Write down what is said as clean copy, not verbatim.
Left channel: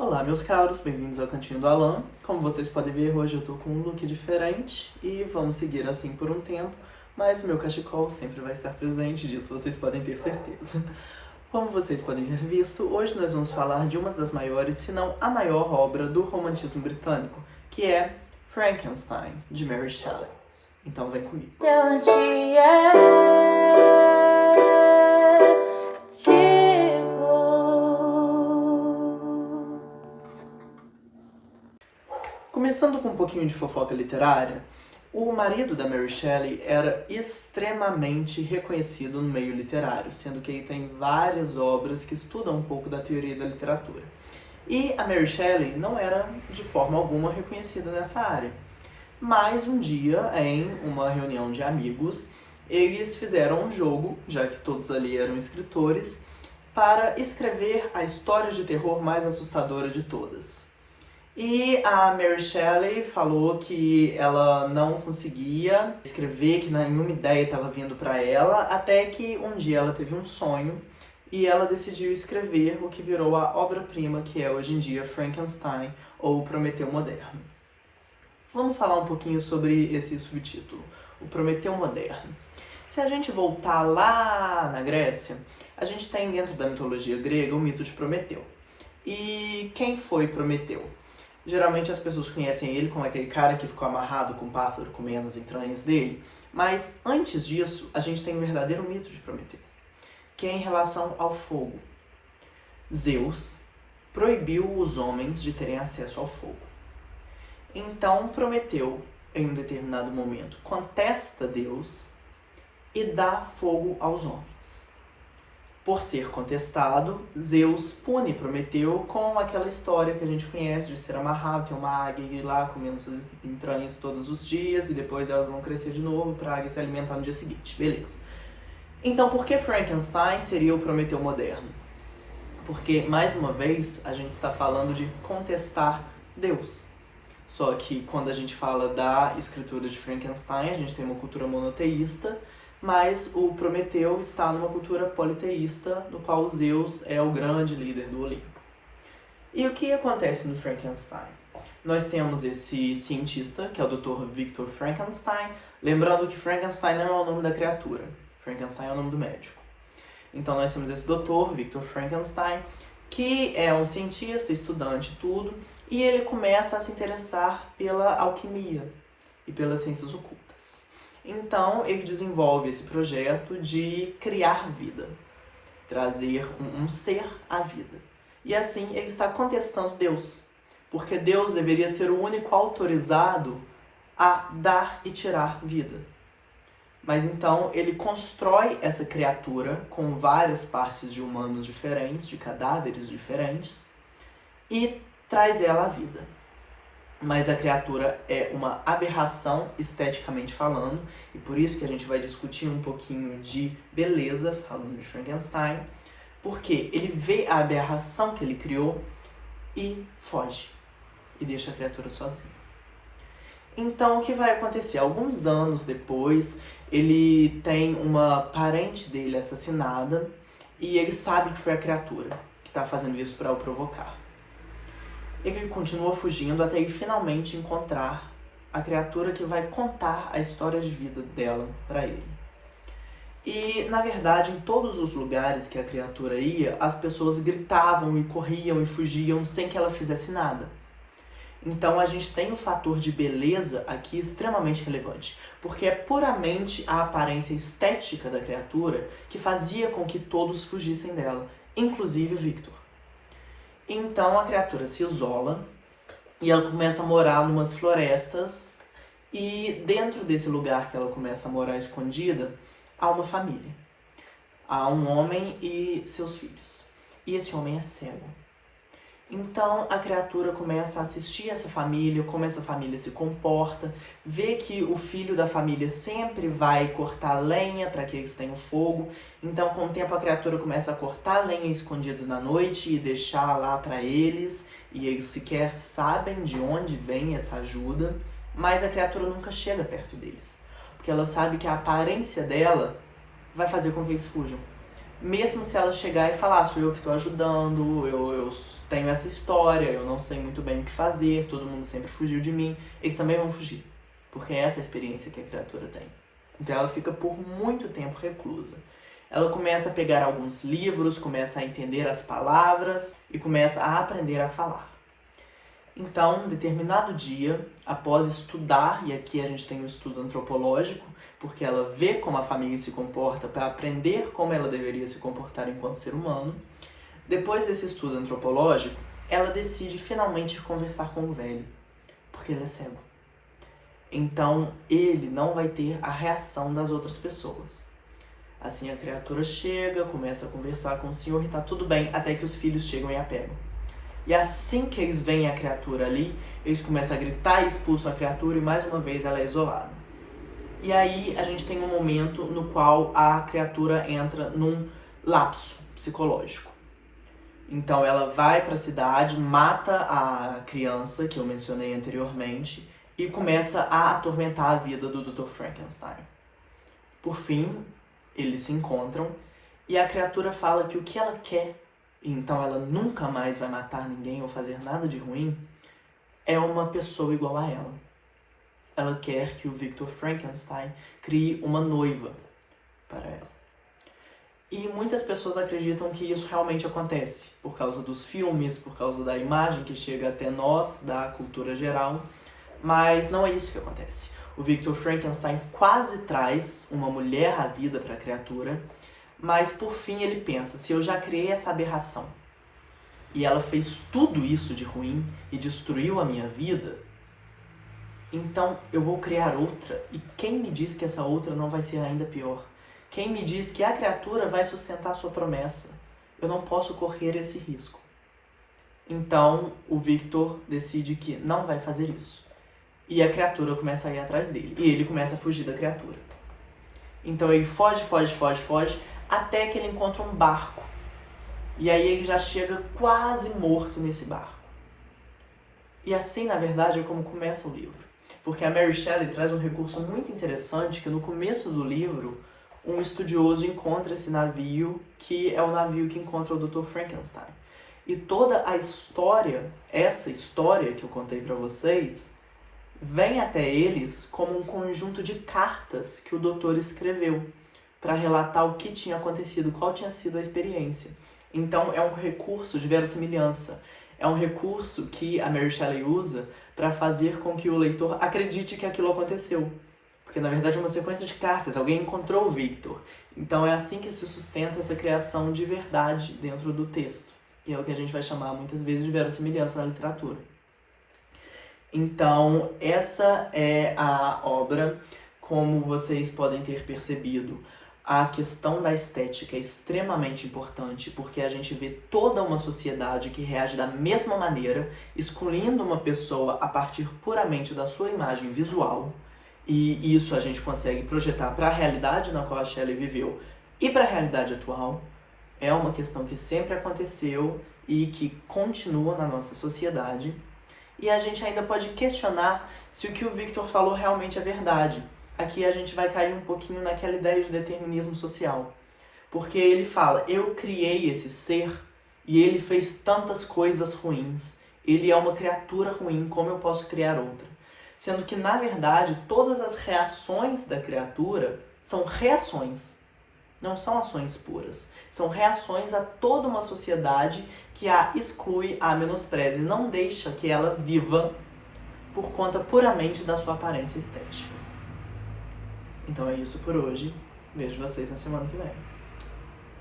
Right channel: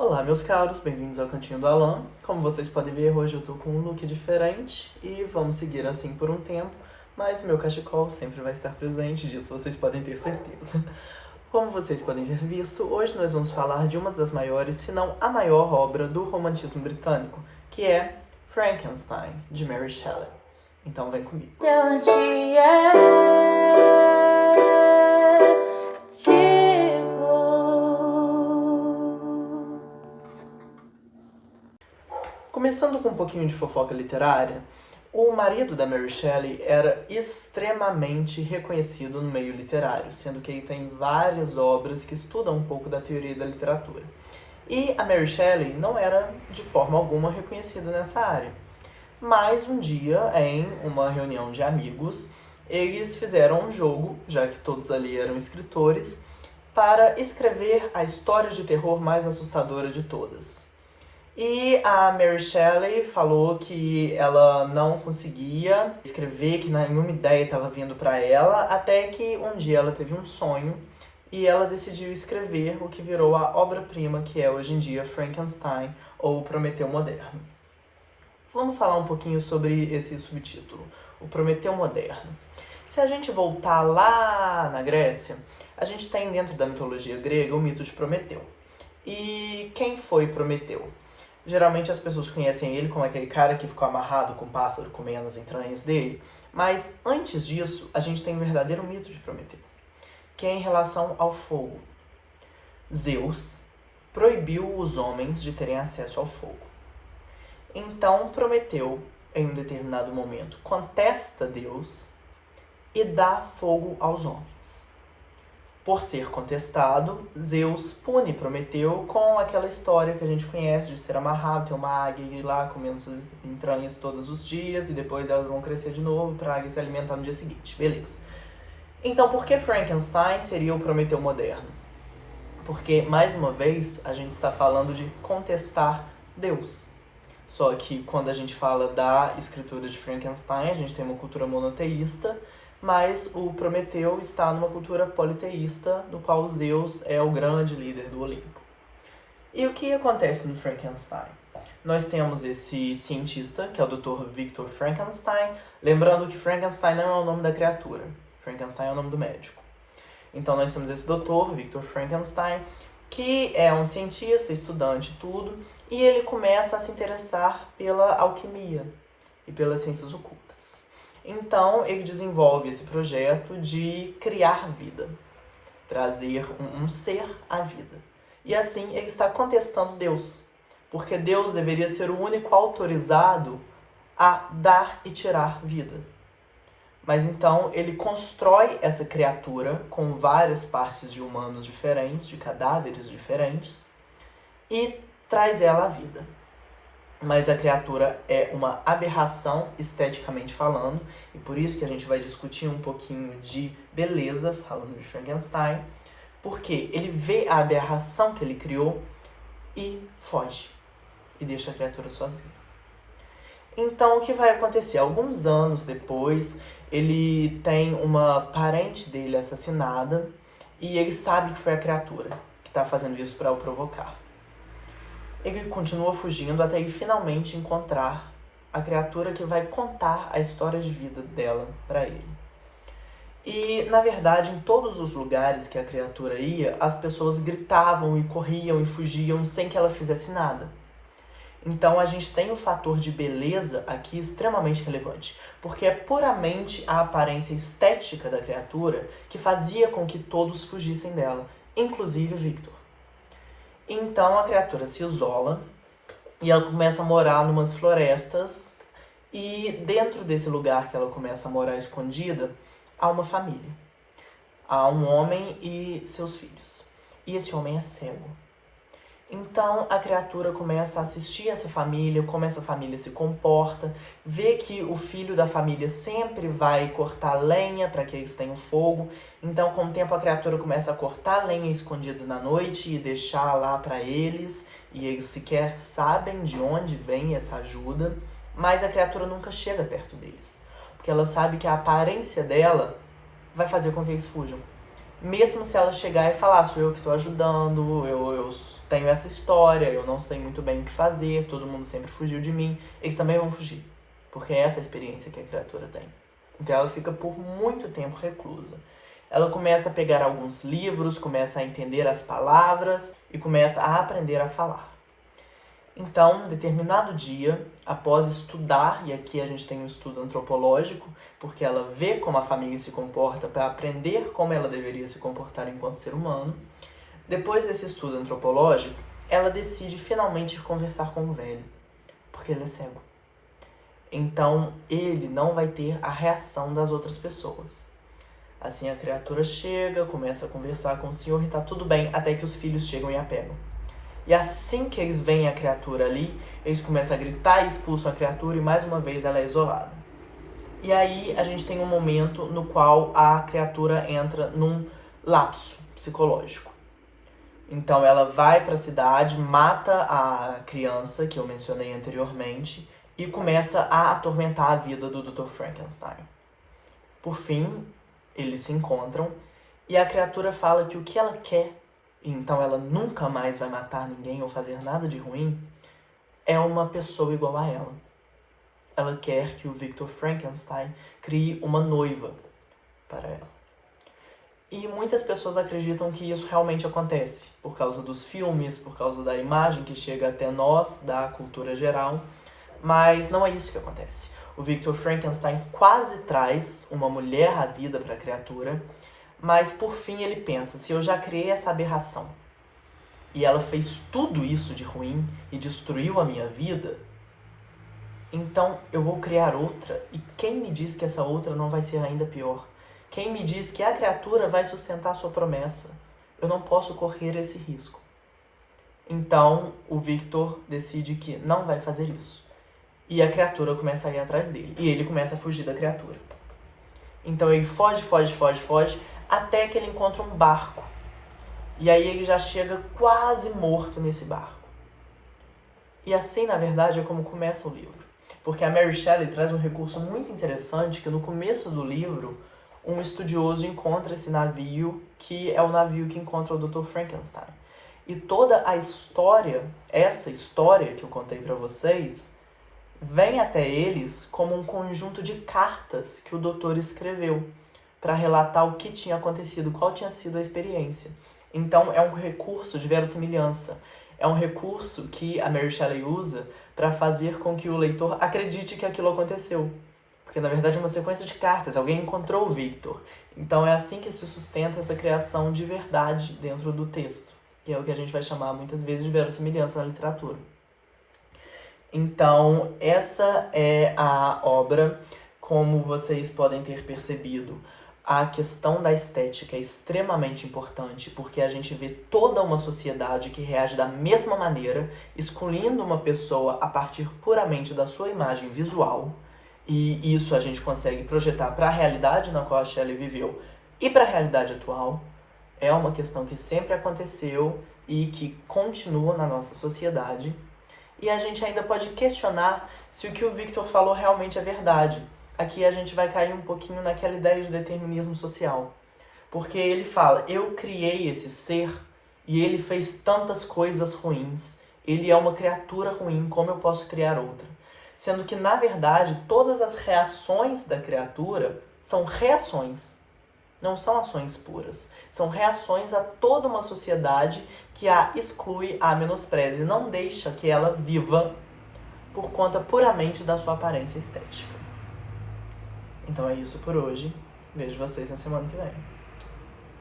Olá, meus caros, bem-vindos ao Cantinho do Alan. Como vocês podem ver, hoje eu tô com um look diferente e vamos seguir assim por um tempo, mas meu cachecol sempre vai estar presente, disso vocês podem ter certeza. Como vocês podem ter visto, hoje nós vamos falar de uma das maiores, se não a maior obra do romantismo britânico, que é Frankenstein, de Mary Shelley. Então vem comigo. Começando com um pouquinho de fofoca literária, o marido da Mary Shelley era extremamente reconhecido no meio literário, sendo que ele tem várias obras que estudam um pouco da teoria da literatura. E a Mary Shelley não era de forma alguma reconhecida nessa área. Mas um dia, em uma reunião de amigos, eles fizeram um jogo, já que todos ali eram escritores, para escrever a história de terror mais assustadora de todas. E a Mary Shelley falou que ela não conseguia escrever, que nenhuma ideia estava vindo para ela, até que um dia ela teve um sonho e ela decidiu escrever o que virou a obra-prima que é hoje em dia Frankenstein, ou Prometeu Moderno. Vamos falar um pouquinho sobre esse subtítulo, o Prometeu Moderno. Se a gente voltar lá na Grécia, a gente tem dentro da mitologia grega o mito de Prometeu. E quem foi Prometeu? Geralmente as pessoas conhecem ele como aquele cara que ficou amarrado com um pássaro comendo as entranhas dele, mas antes disso a gente tem o verdadeiro mito de Prometeu, que é em relação ao fogo. Zeus proibiu os homens de terem acesso ao fogo. Então Prometeu, em um determinado momento, contesta Deus e dá fogo aos homens. Por ser contestado, Zeus pune Prometeu com aquela história que a gente conhece de ser amarrado, ter uma águia e ir lá comendo suas entranhas todos os dias e depois elas vão crescer de novo para a águia se alimentar no dia seguinte. Beleza. Então, por que Frankenstein seria o Prometeu moderno? Porque, mais uma vez, a gente está falando de contestar Deus. Só que quando a gente fala da escritura de Frankenstein, a gente tem uma cultura monoteísta, mas o Prometeu está numa cultura politeísta, no qual Zeus é o grande líder do Olimpo. E o que acontece no Frankenstein? Nós temos esse cientista, que é o Dr. Victor Frankenstein, lembrando que Frankenstein não é o nome da criatura, Frankenstein é o nome do médico. Então nós temos esse Dr. Victor Frankenstein, que é um cientista, estudante, tudo, e ele começa a se interessar pela alquimia e pelas ciências ocultas. Então, ele desenvolve esse projeto de criar vida, trazer um ser à vida. E assim, ele está contestando Deus, porque Deus deveria ser o único autorizado a dar e tirar vida. Mas então, ele constrói essa criatura com várias partes de humanos diferentes, de cadáveres diferentes, e traz ela à vida. Mas a criatura é uma aberração esteticamente falando, e por isso que a gente vai discutir um pouquinho de beleza, falando de Frankenstein, porque ele vê a aberração que ele criou e foge, e deixa a criatura sozinha. Então, o que vai acontecer? Alguns anos depois, ele tem uma parente dele assassinada, e ele sabe que foi a criatura que está fazendo isso para o provocar. Ele continua fugindo até ele finalmente encontrar a criatura que vai contar a história de vida dela para ele. E, na verdade, em todos os lugares que a criatura ia, as pessoas gritavam e corriam e fugiam sem que ela fizesse nada. Então a gente tem o fator de beleza aqui extremamente relevante, porque é puramente a aparência estética da criatura que fazia com que todos fugissem dela, inclusive o Victor. Então a criatura se isola e ela começa a morar numas florestas, e dentro desse lugar que ela começa a morar escondida, há uma família. Há um homem e seus filhos. E esse homem é cego. Então a criatura começa a assistir essa família, como essa família se comporta, vê que o filho da família sempre vai cortar lenha para que eles tenham fogo. Então, com o tempo, a criatura começa a cortar lenha escondida na noite e deixar lá para eles, e eles sequer sabem de onde vem essa ajuda, mas a criatura nunca chega perto deles, porque ela sabe que a aparência dela vai fazer com que eles fujam. mesmo se ela chegar e falar, sou eu que estou ajudando, eu tenho essa história, eu não sei muito bem o que fazer, todo mundo sempre fugiu de mim, eles também vão fugir, porque é essa a experiência que a criatura tem. Então ela fica por muito tempo reclusa. Ela começa a pegar alguns livros, começa a entender as palavras e começa a aprender a falar. Então, em determinado dia, após estudar, e aqui a gente tem um estudo antropológico, porque ela vê como a família se comporta para aprender como ela deveria se comportar enquanto ser humano, depois desse estudo antropológico, ela decide finalmente conversar com o velho, porque ele é cego. Então, ele não vai ter a reação das outras pessoas. Assim, a criatura chega, começa a conversar com o senhor e tá tudo bem, até que os filhos chegam e a pegam. E assim que eles veem a criatura ali, eles começam a gritar e expulsam a criatura e mais uma vez ela é isolada. E aí a gente tem um momento no qual a criatura entra num lapso psicológico. Então ela vai para a cidade, mata a criança que eu mencionei anteriormente e começa a atormentar a vida do Dr. Frankenstein. Por fim, eles se encontram e a criatura fala que o que ela quer, então ela nunca mais vai matar ninguém ou fazer nada de ruim, é uma pessoa igual a ela. Ela quer que o Victor Frankenstein crie uma noiva para ela. E muitas pessoas acreditam que isso realmente acontece, por causa dos filmes, por causa da imagem que chega até nós, da cultura geral, mas não é isso que acontece. O Victor Frankenstein quase traz uma mulher à vida para a criatura, mas por fim ele pensa, se eu já criei essa aberração, e ela fez tudo isso de ruim e destruiu a minha vida, então eu vou criar outra, e quem me diz que essa outra não vai ser ainda pior? Quem me diz que a criatura vai sustentar sua promessa? Eu não posso correr esse risco. Então o Victor decide que não vai fazer isso. E a criatura começa a ir atrás dele. E ele começa a fugir da criatura. Então ele foge, até que ele encontra um barco. E aí ele já chega quase morto nesse barco. E assim, na verdade, é como começa o livro. Porque a Mary Shelley traz um recurso muito interessante que no começo do livro, um estudioso encontra esse navio, que é o navio que encontra o Dr. Frankenstein. E toda a história, essa história que eu contei para vocês, vem até eles como um conjunto de cartas que o doutor escreveu para relatar o que tinha acontecido, qual tinha sido a experiência. Então é um recurso de verossimilhança, é um recurso que a Mary Shelley usa para fazer com que o leitor acredite que aquilo aconteceu. Porque na verdade é uma sequência de cartas, alguém encontrou o Victor. Então é assim que se sustenta essa criação de verdade dentro do texto, que é o que a gente vai chamar muitas vezes de verossimilhança na literatura. Então, essa é a obra. Como vocês podem ter percebido, a questão da estética é extremamente importante, porque a gente vê toda uma sociedade que reage da mesma maneira, excluindo uma pessoa a partir puramente da sua imagem visual, e isso a gente consegue projetar para a realidade na qual a Shelley viveu e para a realidade atual. É uma questão que sempre aconteceu e que continua na nossa sociedade. E a gente ainda pode questionar se o que o Victor falou realmente é verdade. Aqui a gente vai cair um pouquinho naquela ideia de determinismo social. Porque ele fala, eu criei esse ser e ele fez tantas coisas ruins. Ele é uma criatura ruim, como eu posso criar outra? Sendo que, na verdade, todas as reações da criatura são reações. Não são ações puras. São reações a toda uma sociedade que a exclui, a menospreza e não deixa que ela viva por conta puramente da sua aparência estética. Então é isso por hoje. Vejo vocês na semana que vem.